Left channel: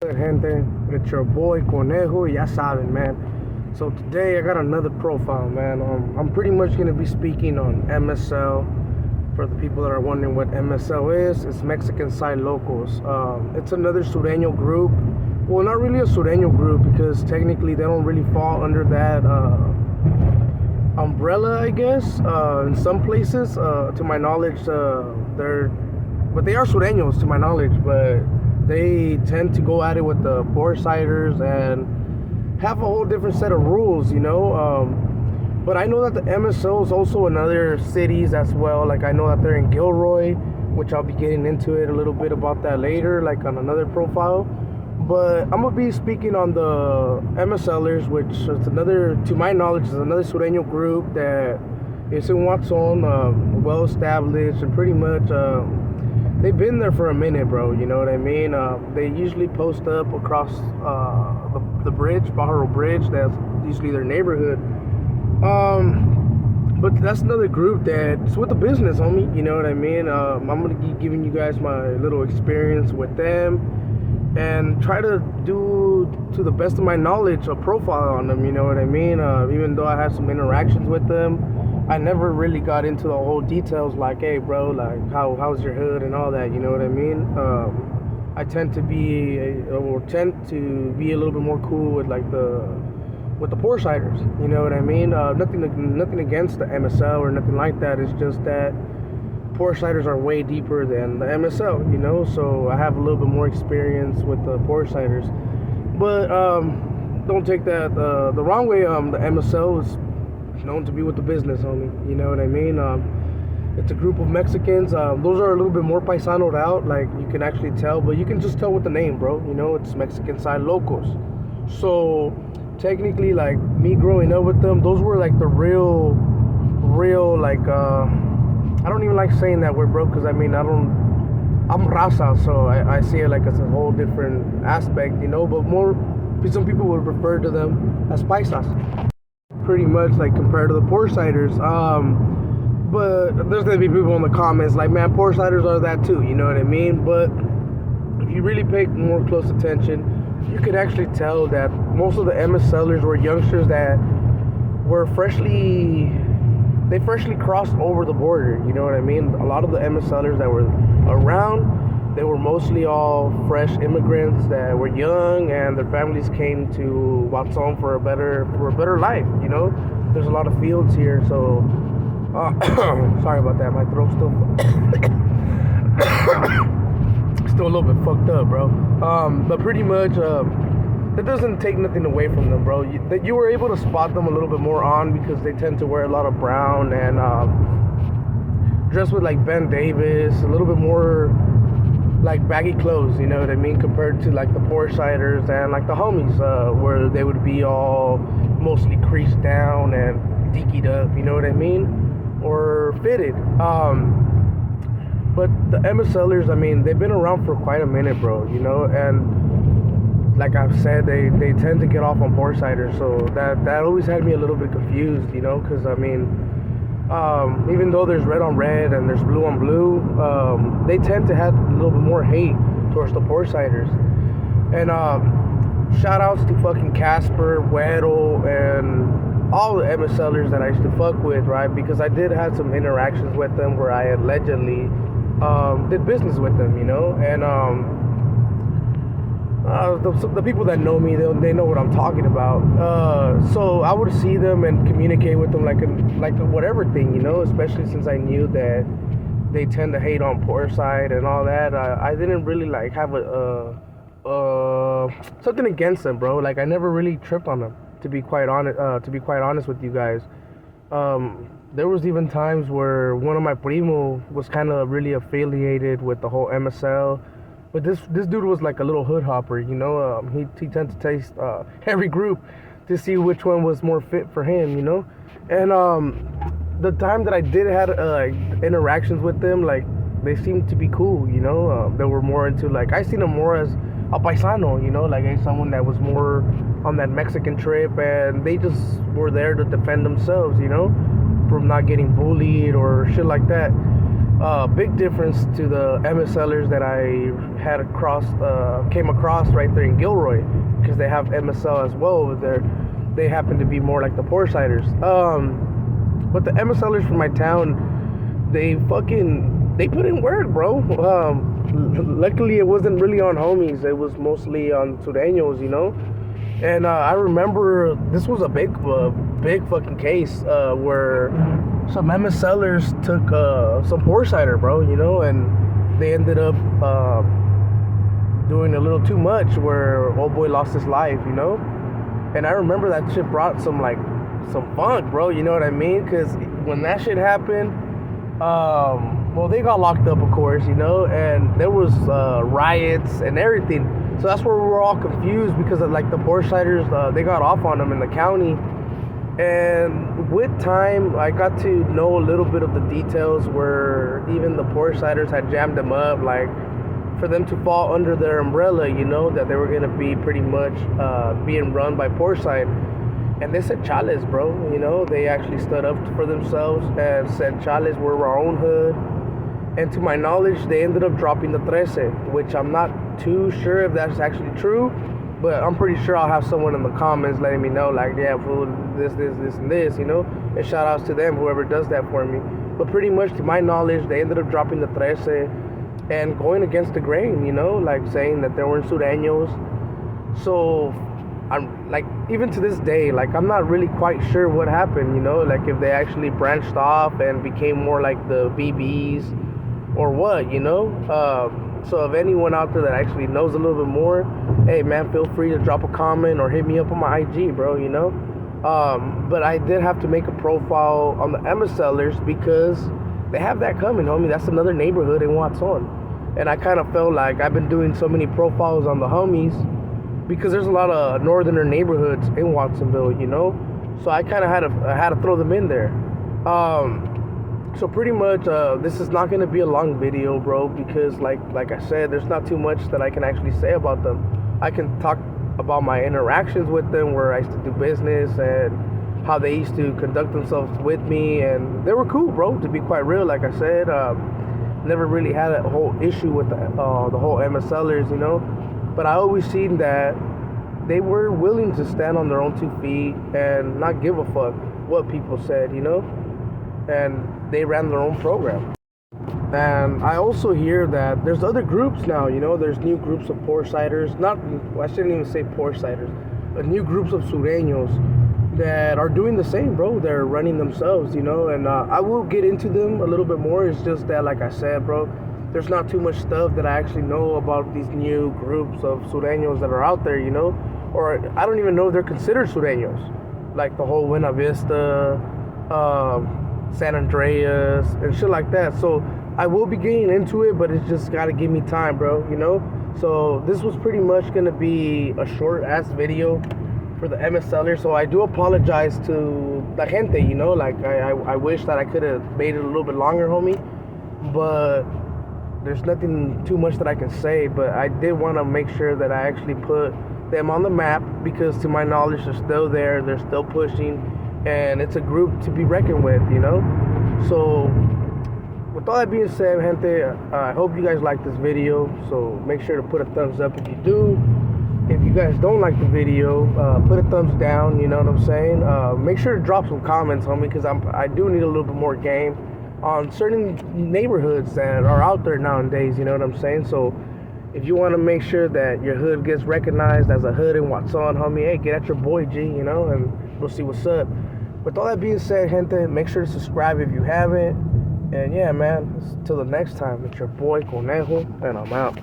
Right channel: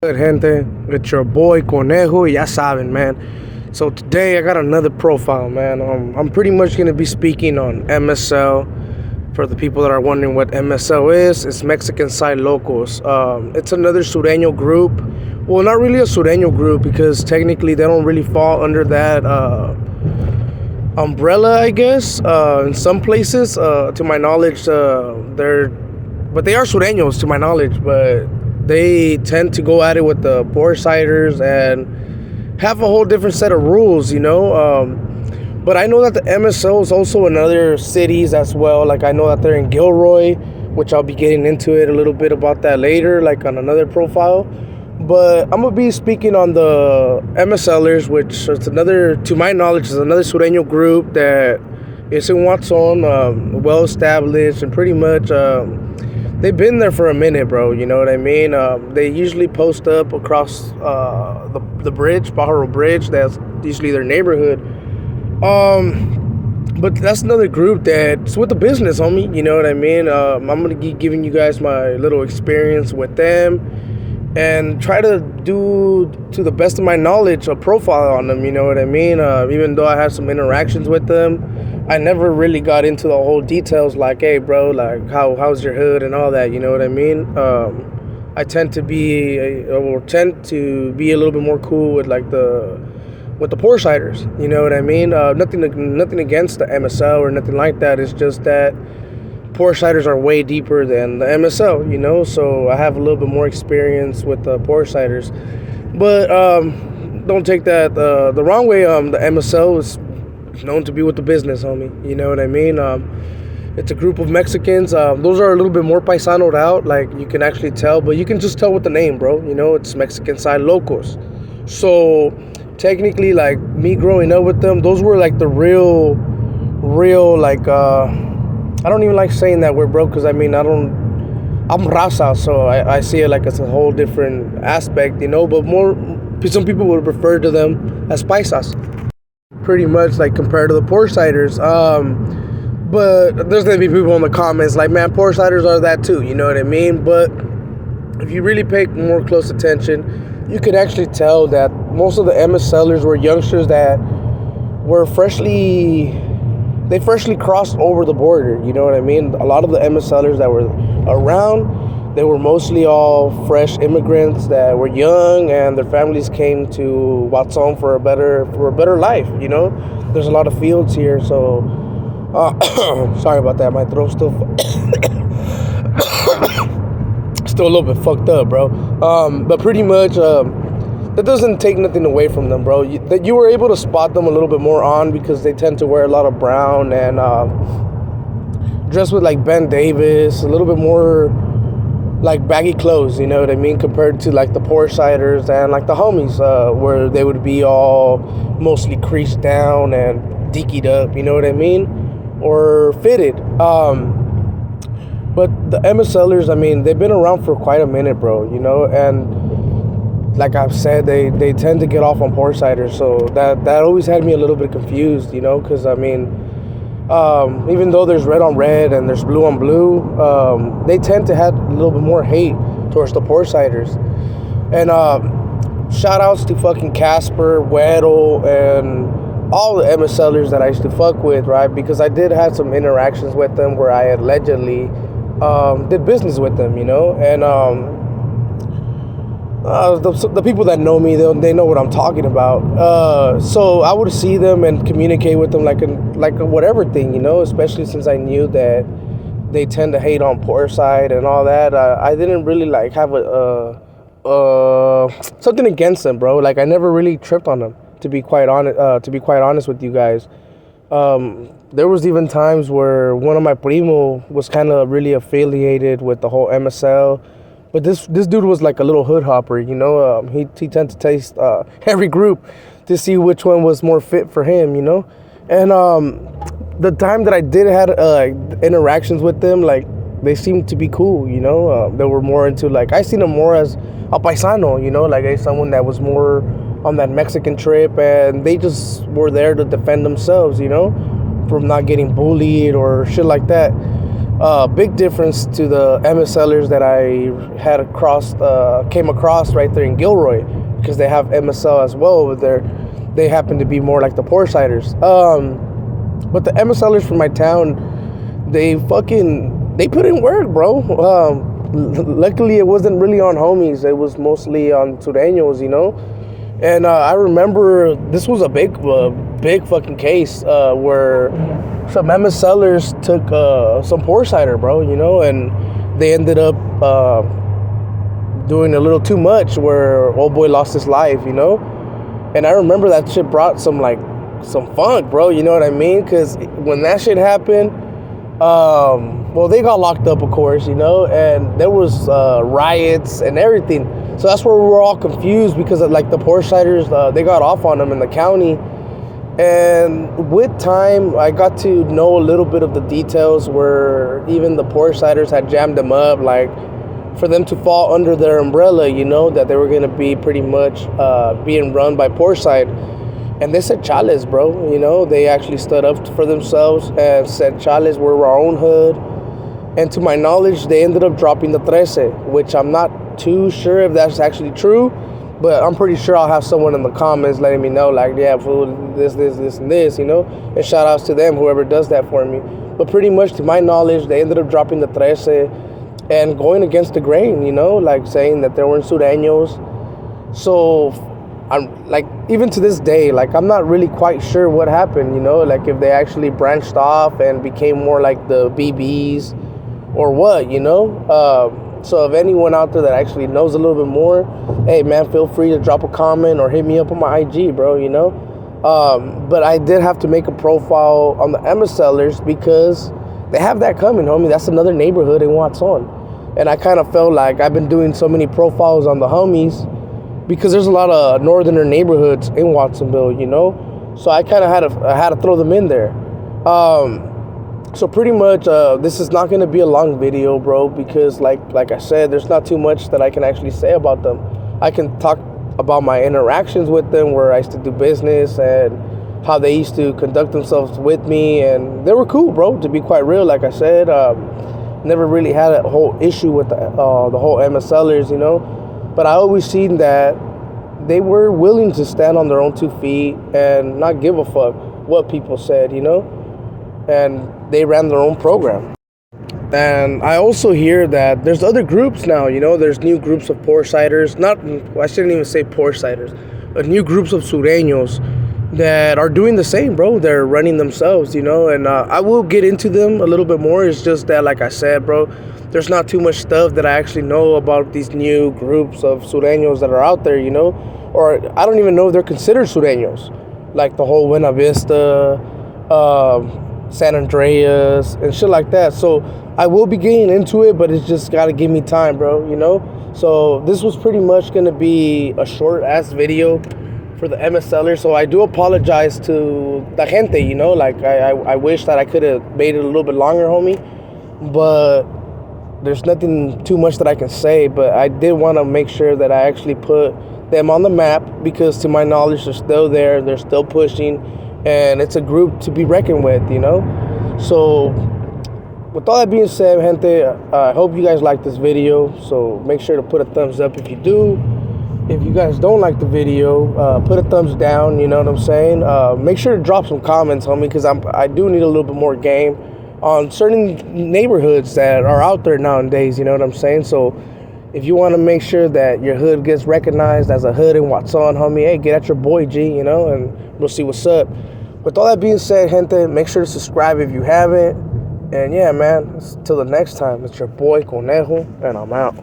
Good gente, it's your boy Conejo, ya saben, man. So today I got another profile, man. I'm pretty much gonna be speaking on MSL. For the people that are wondering what MSL is, it's Mexican Side Locos. It's another Sureño group. Well, not really a Sureño group because technically they don't really fall under that umbrella, I guess. In some places, to my knowledge, but they are Sureños to my knowledge, but they tend to go at it with the poor ciders and have a whole different set of rules, you know. But I know that the MSO is also in other cities as well. Like I know that they're in Gilroy, which I'll be getting into it a little bit about that later, like on another profile. But I'm gonna be speaking on the MSLers, which is another, to my knowledge, is another Sureño group that is in Watson, well established, and pretty much they've been there for a minute, bro. You know what I mean? They usually post up across the bridge, Pajaro Bridge. That's usually their neighborhood. But that's another group that's with the business, homie. You know what I mean? I'm gonna be giving you guys my little experience with them and try to do, to the best of my knowledge, a profile on them. You know what I mean? Even though I had some interactions with them, I never really got into the whole details. Like, hey, bro, like how's your hood and all that. You know what I mean? I tend to be a little bit more cool with like the poor ciders, you know what I mean? Nothing against the MSL or nothing like that. It's just that poor ciders are way deeper than the MSL, you know. So I have a little bit more experience with the poor ciders, but don't take that the wrong way. The MSL is known to be with the business, homie. You know what I mean? It's a group of Mexicans. Those are a little bit more paisanoed out, like you can actually tell, but you can just tell with the name, bro. You know, it's Mexican Side Locos. So technically, like me growing up with them, those were like the real like I don't even like saying that word, bro, because I mean I'm raza, so I see it like it's a whole different aspect, you know. But some people would refer to them as paisas, pretty much, like compared to the poor ciders. But there's gonna be people in the comments like, man, poor ciders are that too, you know what I mean? But if you really pay more close attention, you could actually tell that most of the MSLers were youngsters that were freshly crossed over the border, you know what I mean? A lot of the MSLers that were around, they were mostly all fresh immigrants that were young and their families came to Watson for a better life, you know? There's a lot of fields here, so sorry about that, my throat's still still a little bit fucked up, bro. But pretty much, that doesn't take nothing away from them, bro. That you were able to spot them a little bit more on because they tend to wear a lot of brown and dress with like Ben Davis, a little bit more like baggy clothes, you know what I mean, compared to like the poor ciders and like the homies, where they would be all mostly creased down and deekied up, you know what I mean, or fitted. But the MSLers, I mean, they've been around for quite a minute, bro, you know, and like I've said, they tend to get off on poor ciders, so that always had me a little bit confused, you know, because I mean, even though there's red on red and there's blue on blue, they tend to have a little bit more hate towards the poor ciders. And shout outs to fucking Casper, Weddle, and all the MSLers that I used to fuck with, right? Because I did have some interactions with them where I allegedly did business with them, you know, and the people that know me, they know what I'm talking about. So I would see them and communicate with them like a whatever thing, you know, especially since I knew that they tend to hate on poor side and all that. I didn't really like have something against them, bro. Like I never really tripped on them, to be quite honest with you guys. There was even times where one of my primo was kind of really affiliated with the whole MSL, but this dude was like a little hood hopper, you know. He tended to taste every group to see which one was more fit for him, you know. And the time that I did had interactions with them, like they seemed to be cool, you know. They were more into, like, I seen them more as a paisano, you know, like someone that was more on that Mexican trip, and they just were there to defend themselves, you know, from not getting bullied or shit like that. Big difference to the MSLers that I came across right there in Gilroy, because they have MSL as well over there. They happen to be more like the Poresiders. But the MSLers from my town, they put in work, bro. Luckily, it wasn't really on homies. It was mostly on Sureños, you know. And I remember this was a big fucking case where some MSLers took some Poresider, bro, you know, and they ended up doing a little too much where old boy lost his life, you know. And I remember that shit brought some funk, bro, you know what I mean? Because when that shit happened, well, they got locked up, of course, you know, and there was riots and everything. So that's where we were all confused, because of, like, the Poresiders, they got off on them in the county. And with time, I got to know a little bit of the details where even the Poresiders had jammed them up, like, for them to fall under their umbrella, you know, that they were going to be pretty much being run by Poreside. And they said, Chales, bro, you know, they actually stood up for themselves and said, Chales, we're our own hood. And to my knowledge, they ended up dropping the 13, which I'm not too sure if that's actually true, but I'm pretty sure I'll have someone in the comments letting me know, like, yeah, fool, this, and this, you know, and shout outs to them, whoever does that for me. But pretty much to my knowledge, they ended up dropping the 13 and going against the grain, you know, like saying that there weren't Sureños. So I'm like, even to this day, like, I'm not really quite sure what happened, you know, like if they actually branched off and became more like the BBs or what, you know. So if anyone out there that actually knows a little bit more, hey man, feel free to drop a comment or hit me up on my IG, bro, you know. But I did have to make a profile on the MSLers because they have that coming, homie. That's another neighborhood in Watson. And I kind of felt like I've been doing so many profiles on the homies because there's a lot of northerner neighborhoods in Watsonville, you know. So I kind of had to throw them in there. So pretty much, this is not going to be a long video, bro, because like I said, there's not too much that I can actually say about them. I can talk about my interactions with them, where I used to do business and how they used to conduct themselves with me, and they were cool, bro, to be quite real. Like I said, never really had a whole issue with the whole MSLers, you know, but I always seen that they were willing to stand on their own 2 feet and not give a fuck what people said, you know, and they ran their own program. And I also hear that there's other groups now, you know, there's new groups of Poresiders, I shouldn't even say Poresiders, but new groups of Sureños that are doing the same, bro. They're running themselves, you know, and I will get into them a little bit more. It's just that, like I said, bro, there's not too much stuff that I actually know about these new groups of Sureños that are out there, you know, or I don't even know if they're considered Sureños, like the whole Buena Vista, San Andreas, and shit like that. So I will be getting into it, but it's just got to give me time, bro, you know. So this was pretty much going to be a short-ass video for the MSLer, so I do apologize to la gente, you know, like I wish that I could have made it a little bit longer, homie, but there's nothing too much that I can say. But I did want to make sure that I actually put them on the map, because to my knowledge, they're still there, they're still pushing, and it's a group to be reckoned with, you know. So with all that being said, gente, I hope you guys like this video, so make sure to put a thumbs up if you do. If you guys don't like the video, put a thumbs down, you know what I'm saying? Make sure to drop some comments, homie, because I do need a little bit more game on certain neighborhoods that are out there nowadays, you know what I'm saying? So if you want to make sure that your hood gets recognized as a hood in Watson, homie, hey, get at your boy G, you know, and we'll see what's up. With all that being said, gente, make sure to subscribe if you haven't. And yeah, man, till the next time, it's your boy Conejo, and I'm out.